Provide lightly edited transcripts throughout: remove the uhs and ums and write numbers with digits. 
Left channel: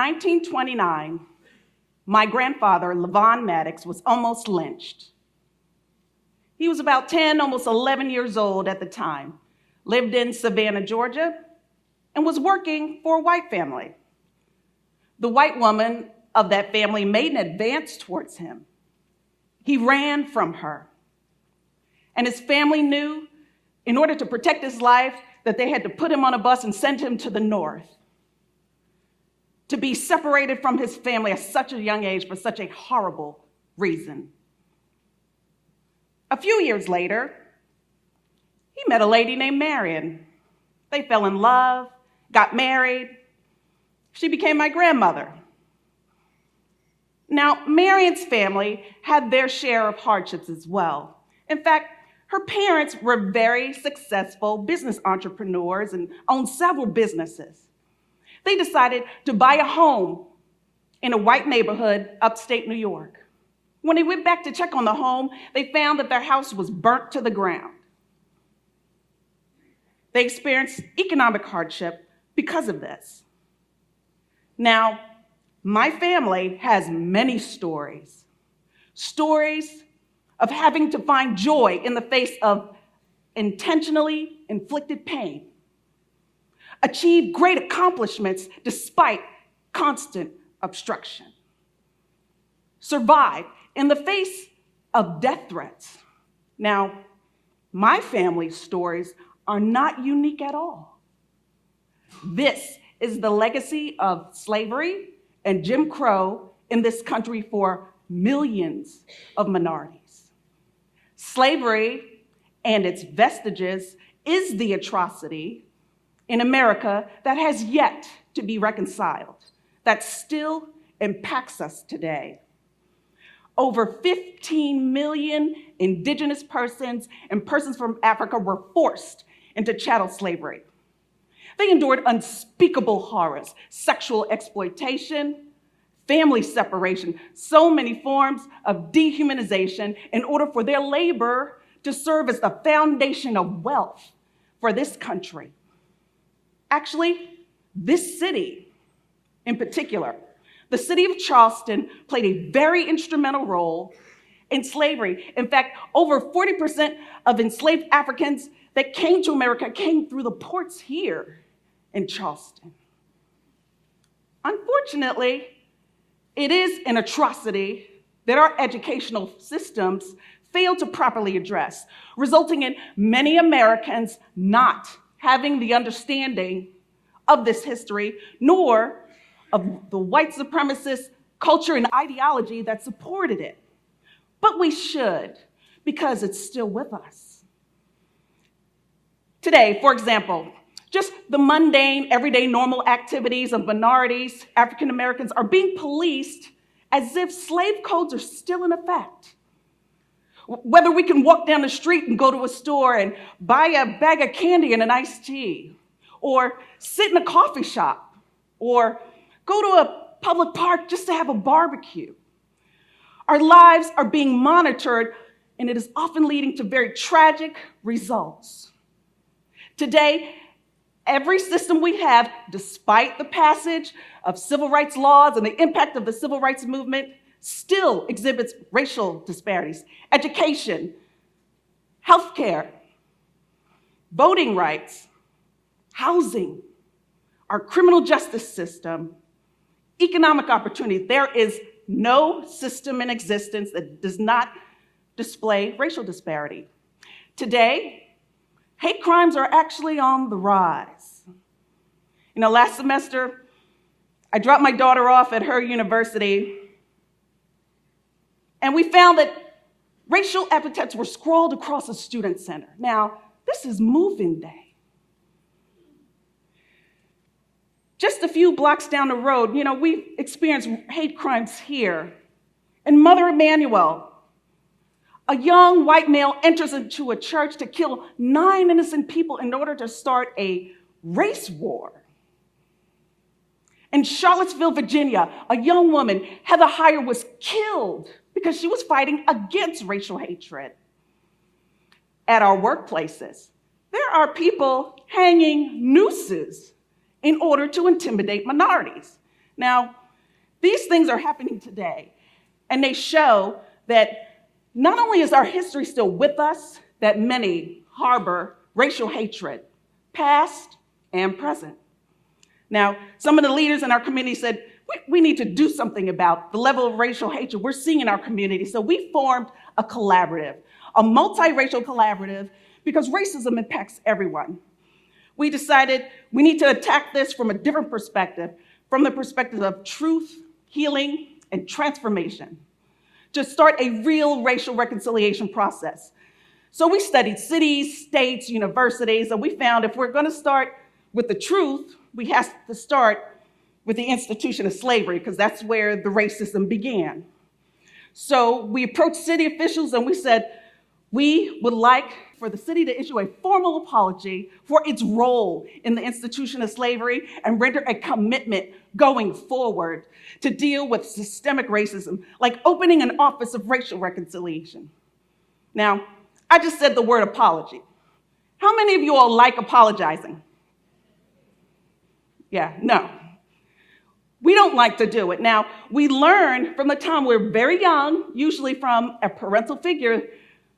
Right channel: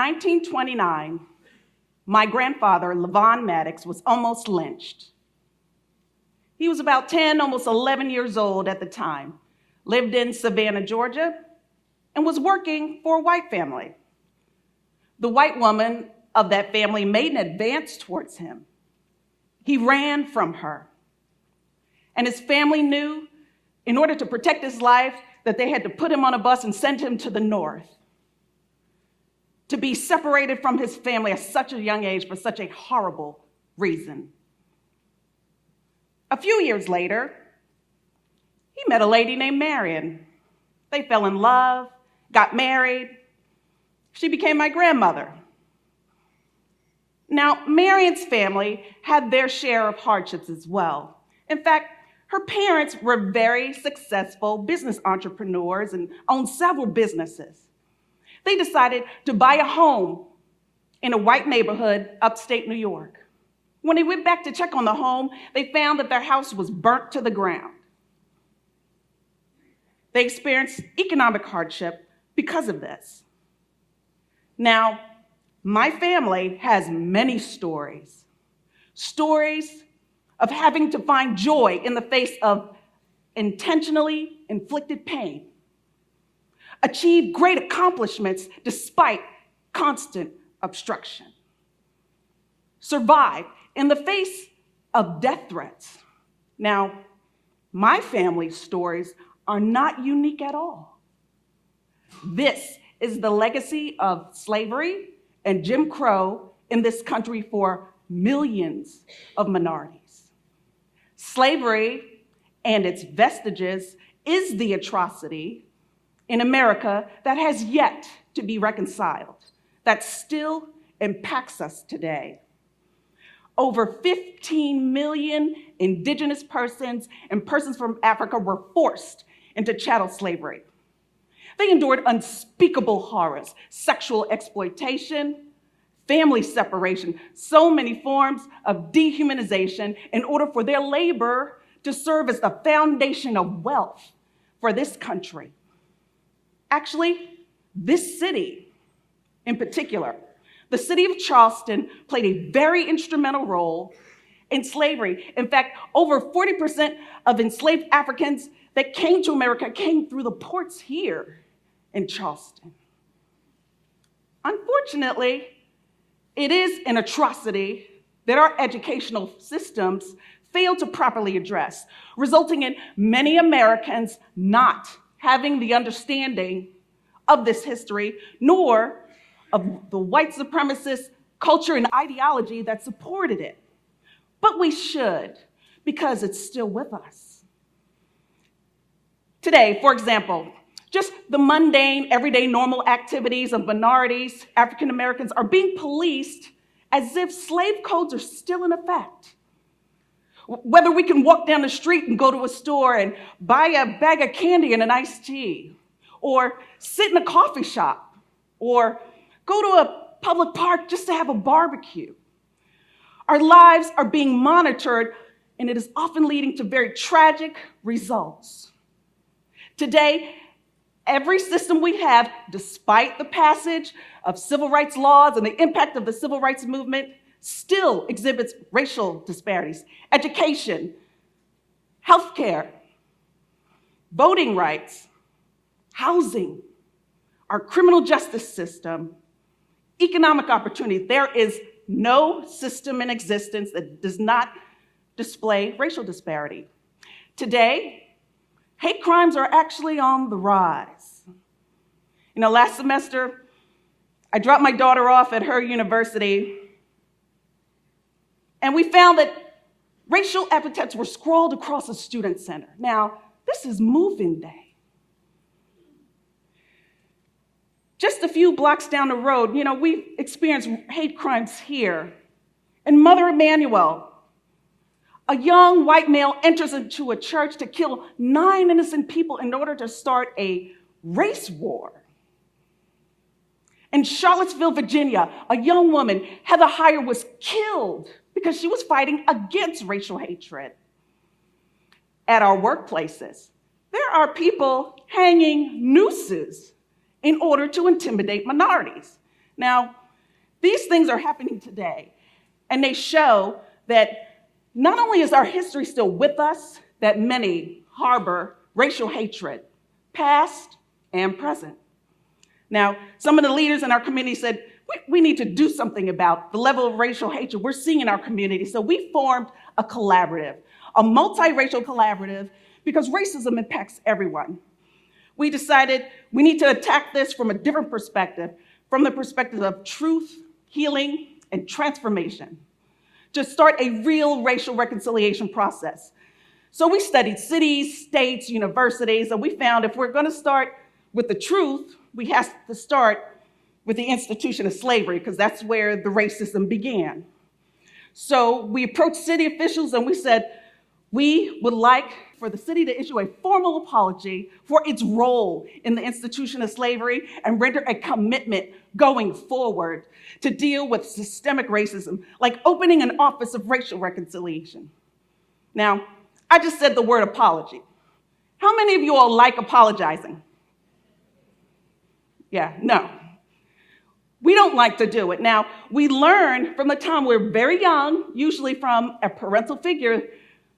1929, my grandfather, Levon Maddox, was almost lynched. He was about 10, almost 11 years old at the time, lived in Savannah, Georgia, and was working for a white family. The white woman of that family made an advance towards him. He ran from her. And his family knew, in order to protect his life, that they had to put him on a bus and send him to the north. To be separated from his family at such a young age for such a horrible reason. A few years later, he met a lady named Marion. They fell in love, got married. She became my grandmother. Now, Marion's family had their share of hardships as well. In fact, her parents were very successful business entrepreneurs and owned several businesses. They decided to buy a home in a white neighborhood upstate New York. When they went back to check on the home, they found that their house was burnt to the ground. They experienced economic hardship because of this. Now, my family has many stories. Stories of having to find joy in the face of intentionally inflicted pain. Achieve great accomplishments despite constant obstruction. Survive in the face of death threats. Now, my family's stories are not unique at all. This is the legacy of slavery and Jim Crow in this country for millions of minorities. Slavery and its vestiges is the atrocity in America that has yet to be reconciled, that still impacts us today. Over 15 million indigenous persons and persons from Africa were forced into chattel slavery. They endured unspeakable horrors, sexual exploitation, family separation, so many forms of dehumanization in order for their labor to serve as the foundation of wealth for this country. Actually, this city in particular, the city of Charleston, played a very instrumental role in slavery. In fact, over 40% of enslaved Africans that came to America came through the ports here in Charleston. Unfortunately, it is an atrocity that our educational systems fail to properly address, resulting in many Americans not having the understanding of this history, nor of the white supremacist culture and ideology that supported it. But we should, because it's still with us. Today, for example, just the mundane, everyday, normal activities of minorities, African Americans, are being policed as if slave codes are still in effect. Whether we can walk down the street and go to a store and buy a bag of candy and an iced tea, or sit in a coffee shop, or go to a public park just to have a barbecue. Our lives are being monitored, and it is often leading to very tragic results. Today, every system we have, despite the passage of civil rights laws and the impact of the civil rights movement, still exhibits racial disparities. Education, healthcare, voting rights, housing, our criminal justice system, economic opportunity. There is no system in existence that does not display racial disparity. Today, hate crimes are actually on the rise. You know, last semester, I dropped my daughter off at her university, and we found that racial epithets were scrawled across a student center. Now, this is move-in day. Just a few blocks down the road, you know, we've experienced hate crimes here. In Mother Emanuel, a young white male enters into a church to kill 9 innocent people in order to start a race war. In Charlottesville, Virginia, a young woman, Heather Heyer, was killed because she was fighting against racial hatred. At our workplaces, there are people hanging nooses in order to intimidate minorities. Now, these things are happening today, and they show that not only is our history still with us, that many harbor racial hatred, past and present. Now, some of the leaders in our community said, we need to do something about the level of racial hatred we're seeing in our community. So we formed a collaborative, a multiracial collaborative, because racism impacts everyone. We decided we need to attack this from a different perspective, from the perspective of truth, healing, and transformation, to start a real racial reconciliation process. So we studied cities, states, universities, and we found if we're going to start with the truth, we have to start with the institution of slavery, because that's where the racism began. So we approached city officials and we said, we would like for the city to issue a formal apology for its role in the institution of slavery and render a commitment going forward to deal with systemic racism, like opening an office of racial reconciliation. Now, I just said the word apology. How many of you all like apologizing? Yeah, no. We don't like to do it. Now, we learn from the time we're very young, usually from a parental figure,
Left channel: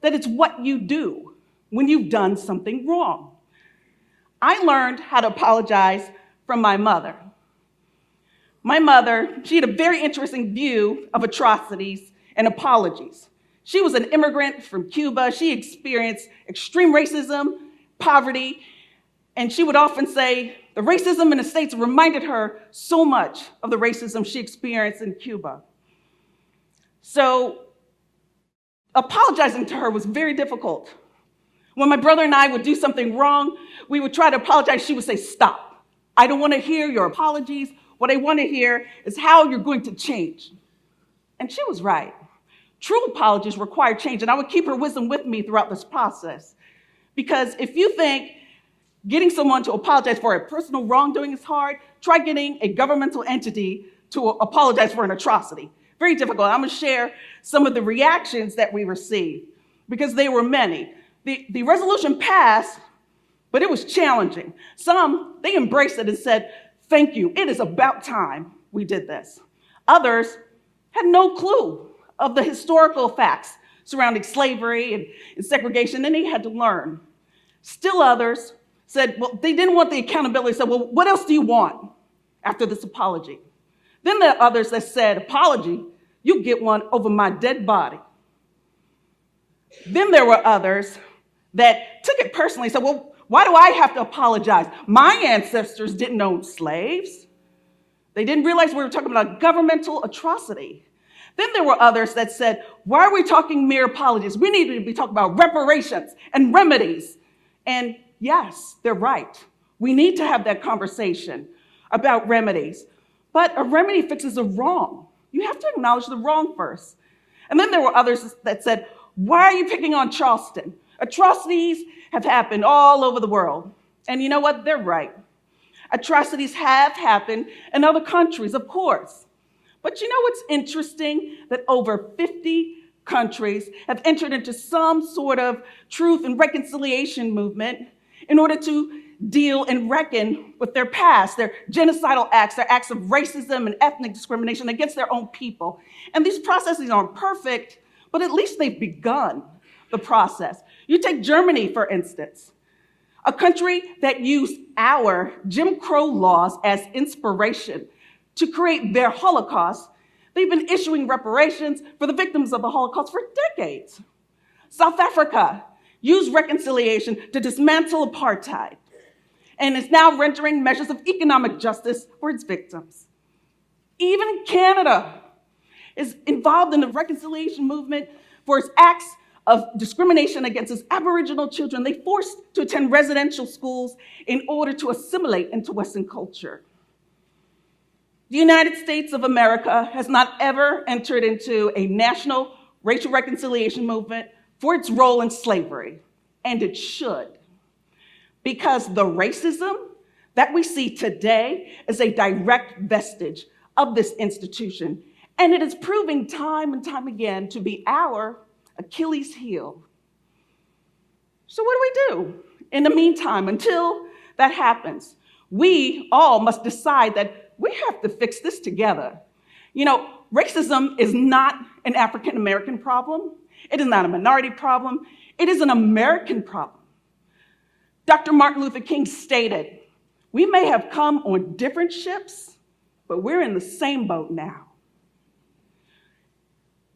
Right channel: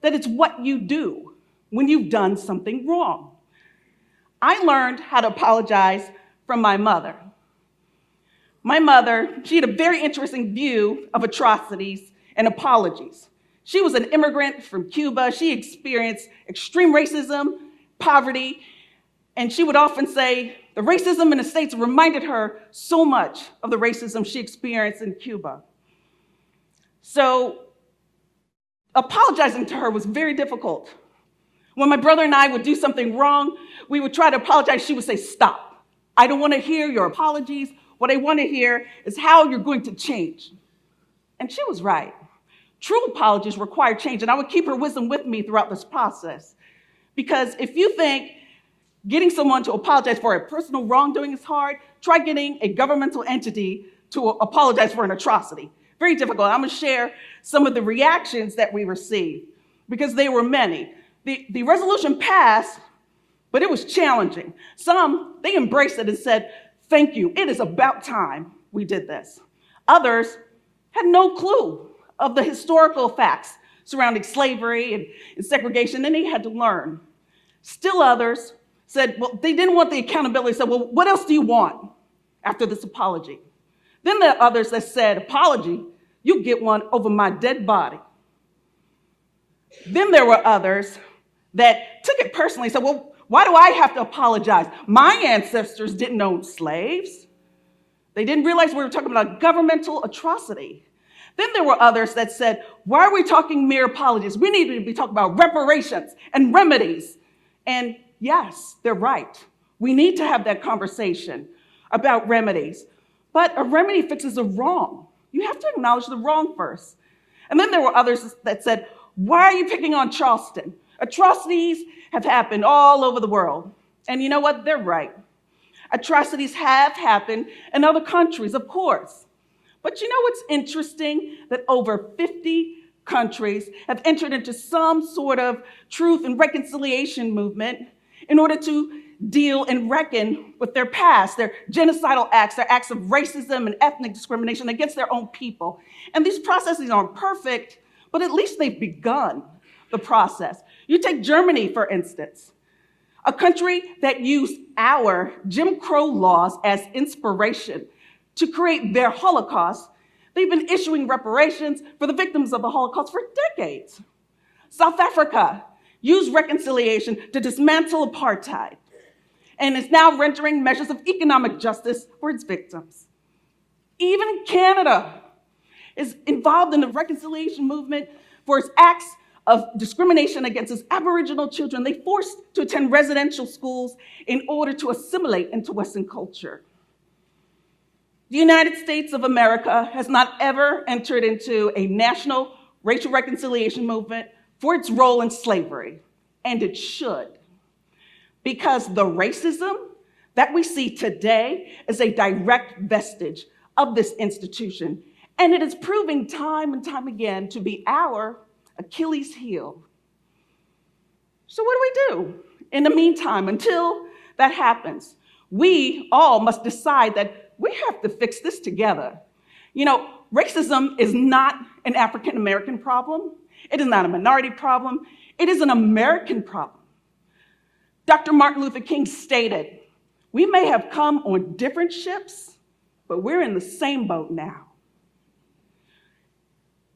that it's what you do when you've done something wrong. I learned how to apologize from my mother. My mother, she had a very interesting view of atrocities and apologies. She was an immigrant from Cuba. She experienced extreme racism, poverty, and she would often say the racism in the States reminded her so much of the racism she experienced in Cuba. So apologizing to her was very difficult. When my brother and I would do something wrong, we would try to apologize. She would say, stop. I don't want to hear your apologies. What I want to hear is how you're going to change. And she was right. True apologies require change, and I would keep her wisdom with me throughout this process. Because if you think getting someone to apologize for a personal wrongdoing is hard, try getting a governmental entity to apologize for an atrocity. Very difficult. I'm going to share some of the reactions that we received, because there were many. The resolution passed, but it was challenging. Some, they embraced it and said, thank you, it is about time we did this. Others had no clue of the historical facts surrounding slavery and segregation, and they had to learn. Still others said, well, they didn't want the accountability, said, well, what else do you want after this apology? Then there are others that said, apology, you get one over my dead body. Then there were others that took it personally, said, well, why do I have to apologize? My ancestors didn't own slaves. They didn't realize we were talking about governmental atrocity. Then there were others that said, why are we talking mere apologies? We need to be talking about reparations and remedies. And yes, they're right. We need to have that conversation about remedies. But a remedy fixes a wrong. You have to acknowledge the wrong first. And then there were others that said, why are you picking on Charleston? Atrocities have happened all over the world. And you know what? They're right. Atrocities have happened in other countries, of course. But you know what's interesting? That over 50 countries have entered into some sort of truth and reconciliation movement in order to deal and reckon with their past, their genocidal acts, their acts of racism and ethnic discrimination against their own people. And these processes aren't perfect, but at least they've begun the process. You take Germany, for instance, a country that used our Jim Crow laws as inspiration to create their Holocaust. They've been issuing reparations for the victims of the Holocaust for decades. South Africa used reconciliation to dismantle apartheid and is now rendering measures of economic justice for its victims. Even Canada is involved in the reconciliation movement for its acts of discrimination against its Aboriginal children. They forced to attend residential schools in order to assimilate into Western culture. The United States of America has not ever entered into a national racial reconciliation movement for its role in slavery, and it should, because the racism that we see today is a direct vestige of this institution, and it is proving time and time again to be our Achilles heel. So what do we do in the meantime until that happens? We all must decide that we have to fix this together. You know, racism is not an African American problem. It is not a minority problem. It is an American problem. Dr. Martin Luther King stated, "We may have come on different ships, but we're in the same boat now."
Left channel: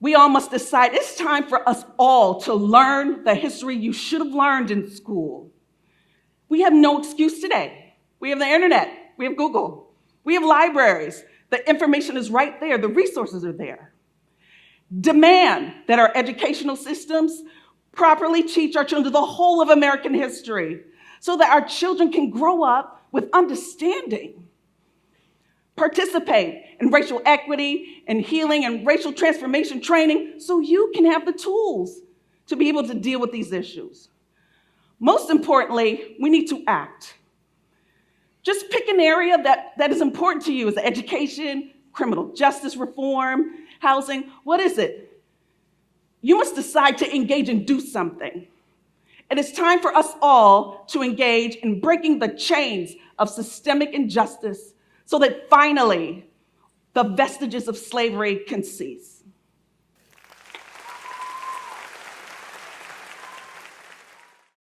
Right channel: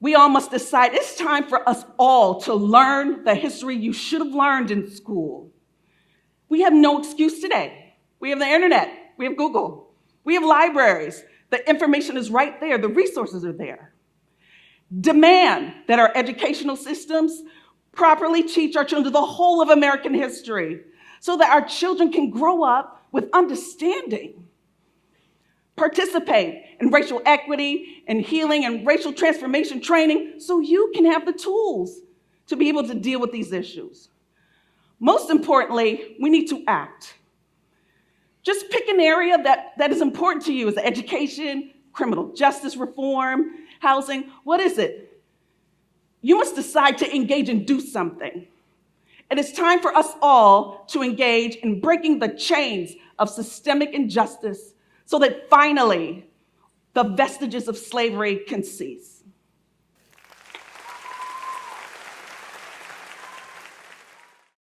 We all must decide it's time for us all to learn the history you should have learned in school. We have no excuse today. We have the internet, we have Google, we have libraries. The information is right there, the resources are there. Demand that our educational systems properly teach our children the whole of American history so that our children can grow up with understanding. Participate in racial equity and healing and racial transformation training so you can have the tools to be able to deal with these issues. Most importantly, we need to act. Just pick an area that is important to you. Is it education, criminal justice reform, housing? What is it? You must decide to engage and do something. It is time for us all to engage in breaking the chains of systemic injustice so that finally the vestiges of slavery can cease.